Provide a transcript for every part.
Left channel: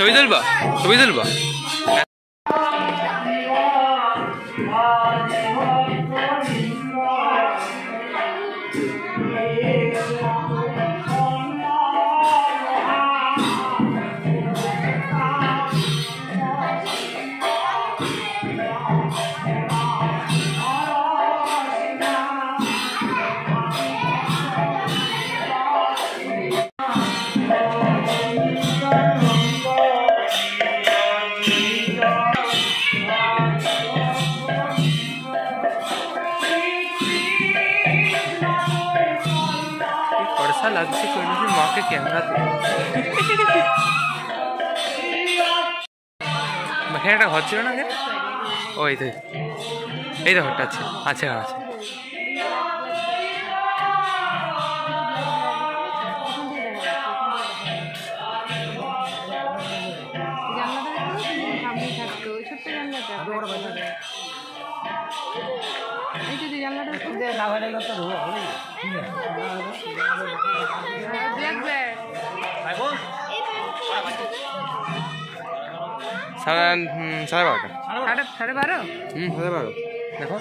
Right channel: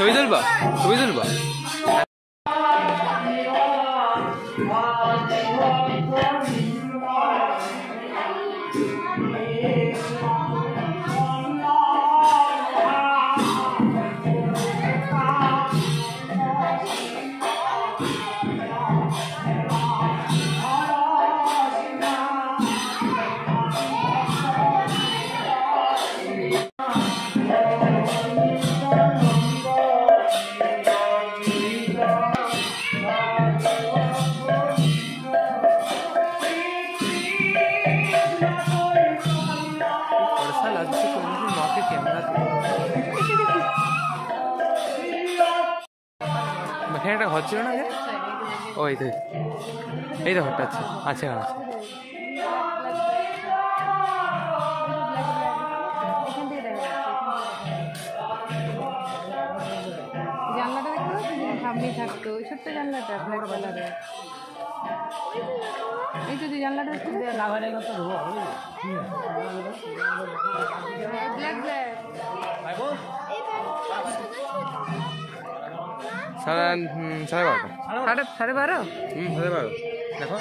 ছবি তুলবা ছবি তুলবা ऐसा लगता है कोई माँ के कैमरा এখানে একটা ঘর ছিল না ওই তো এই তো ঘরটা আছে আছে আছে সাড়ে 12টা সাড়ে 12 দেখো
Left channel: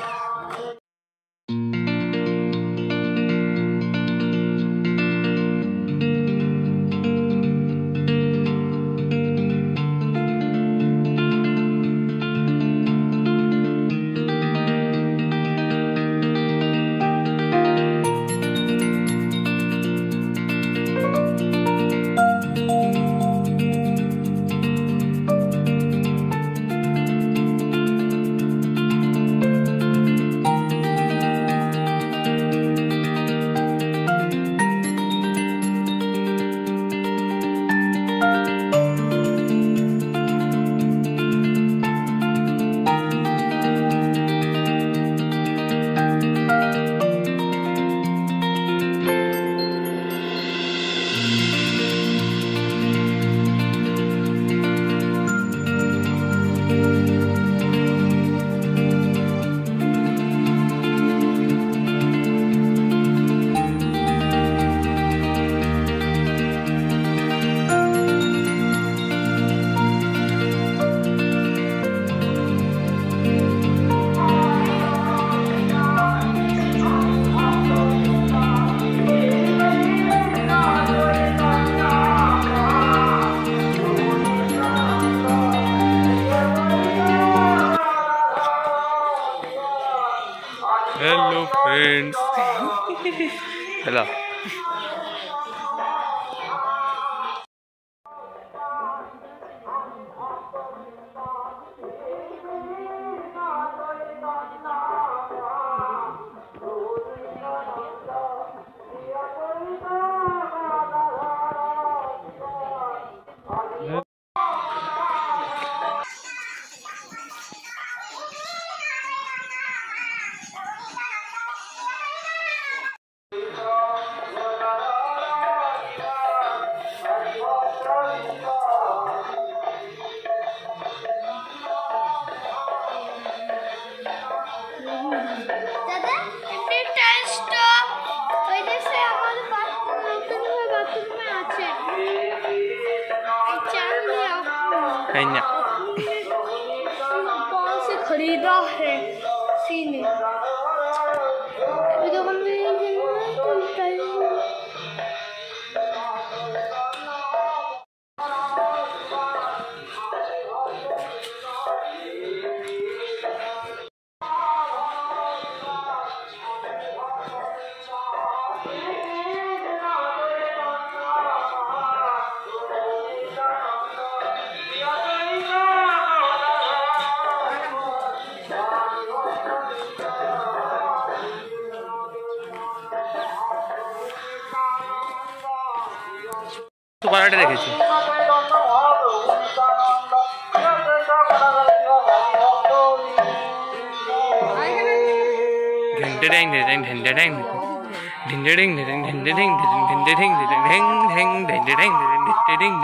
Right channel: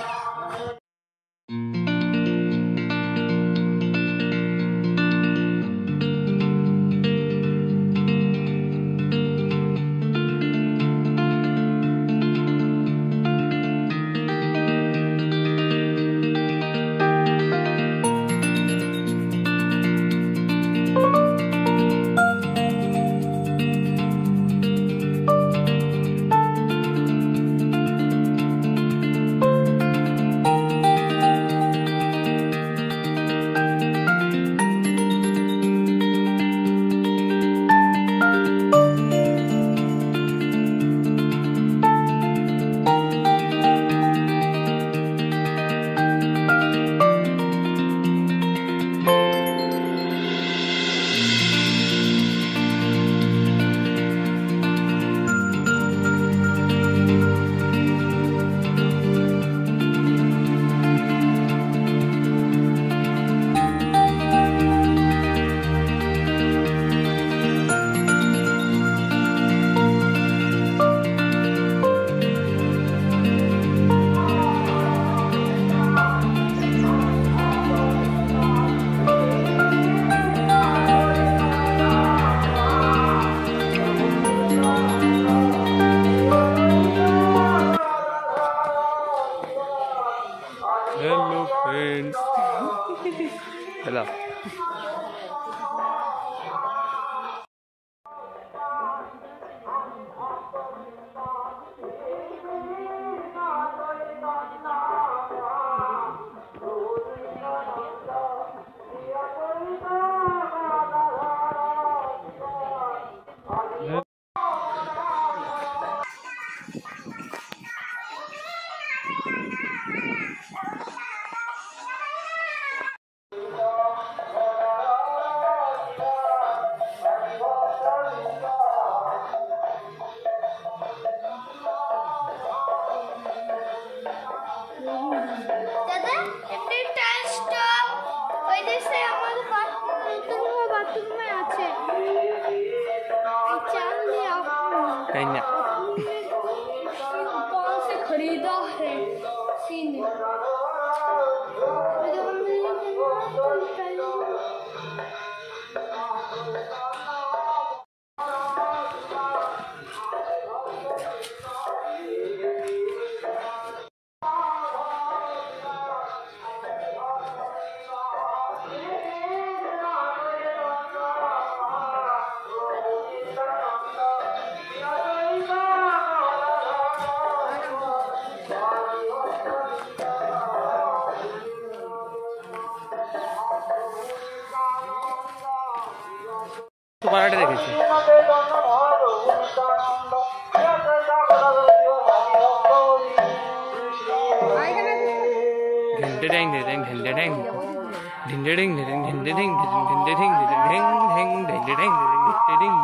हेलो फ्रेंड्स हेलो कौन से खरीदा है सीने तो पराठे রেখেছি घंटे डेंग डेंग घंटे डेंग घंटे डेंग डेंग घंटे डेंग घंटे डेंग डेंग डेंग घंटे डेंग घंटे डेंग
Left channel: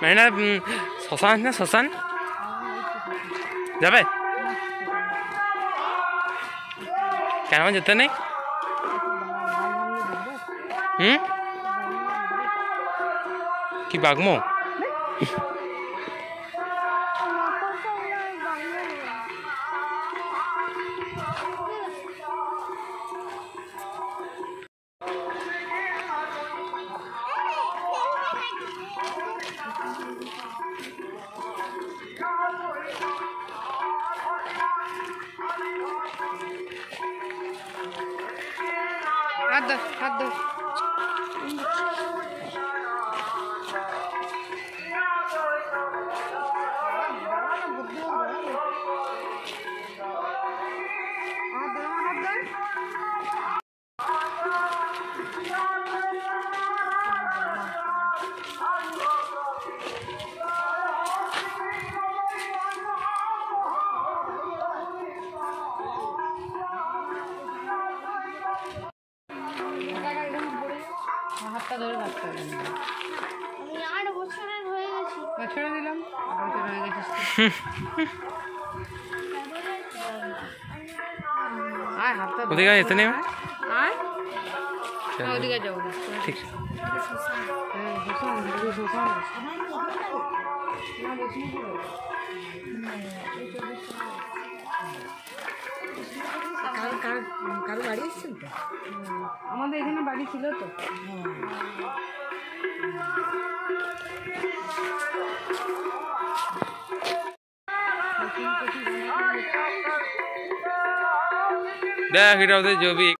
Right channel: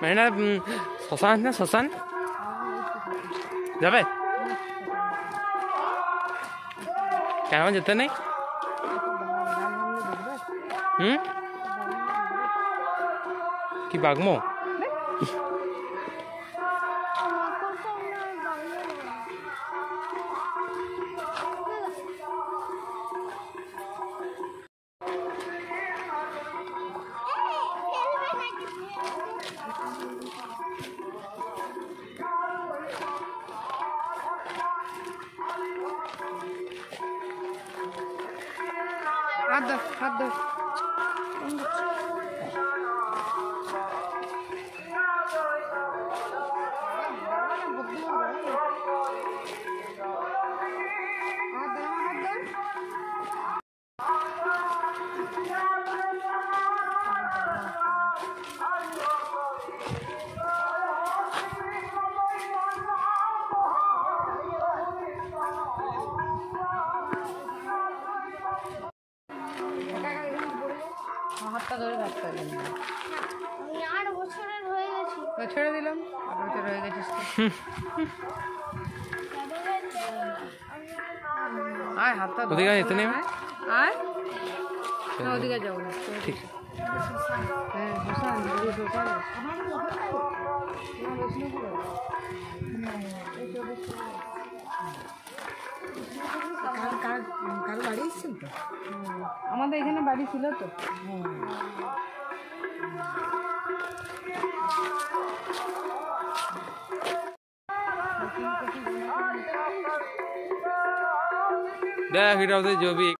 মানে না শ্মশান আছে না শ্মশান যাবে কেন যেতে নেই কি বাগমো হাত দো হাতটা ধরে রাখতে হবে আমি 8 বছরের হয়ে গেছি ছেড়ে দিলাম 8 বছর হয়ে গেছিস আয় হাতটা ওদিকে যেতে নেই আয় ওদিকে যাও ঠিক শ্মশান না বিষ্ণুপুর কারো বাড়ি এসেছিল তো আমাদের এখানে বাড়ি ছিল তো देख जो भी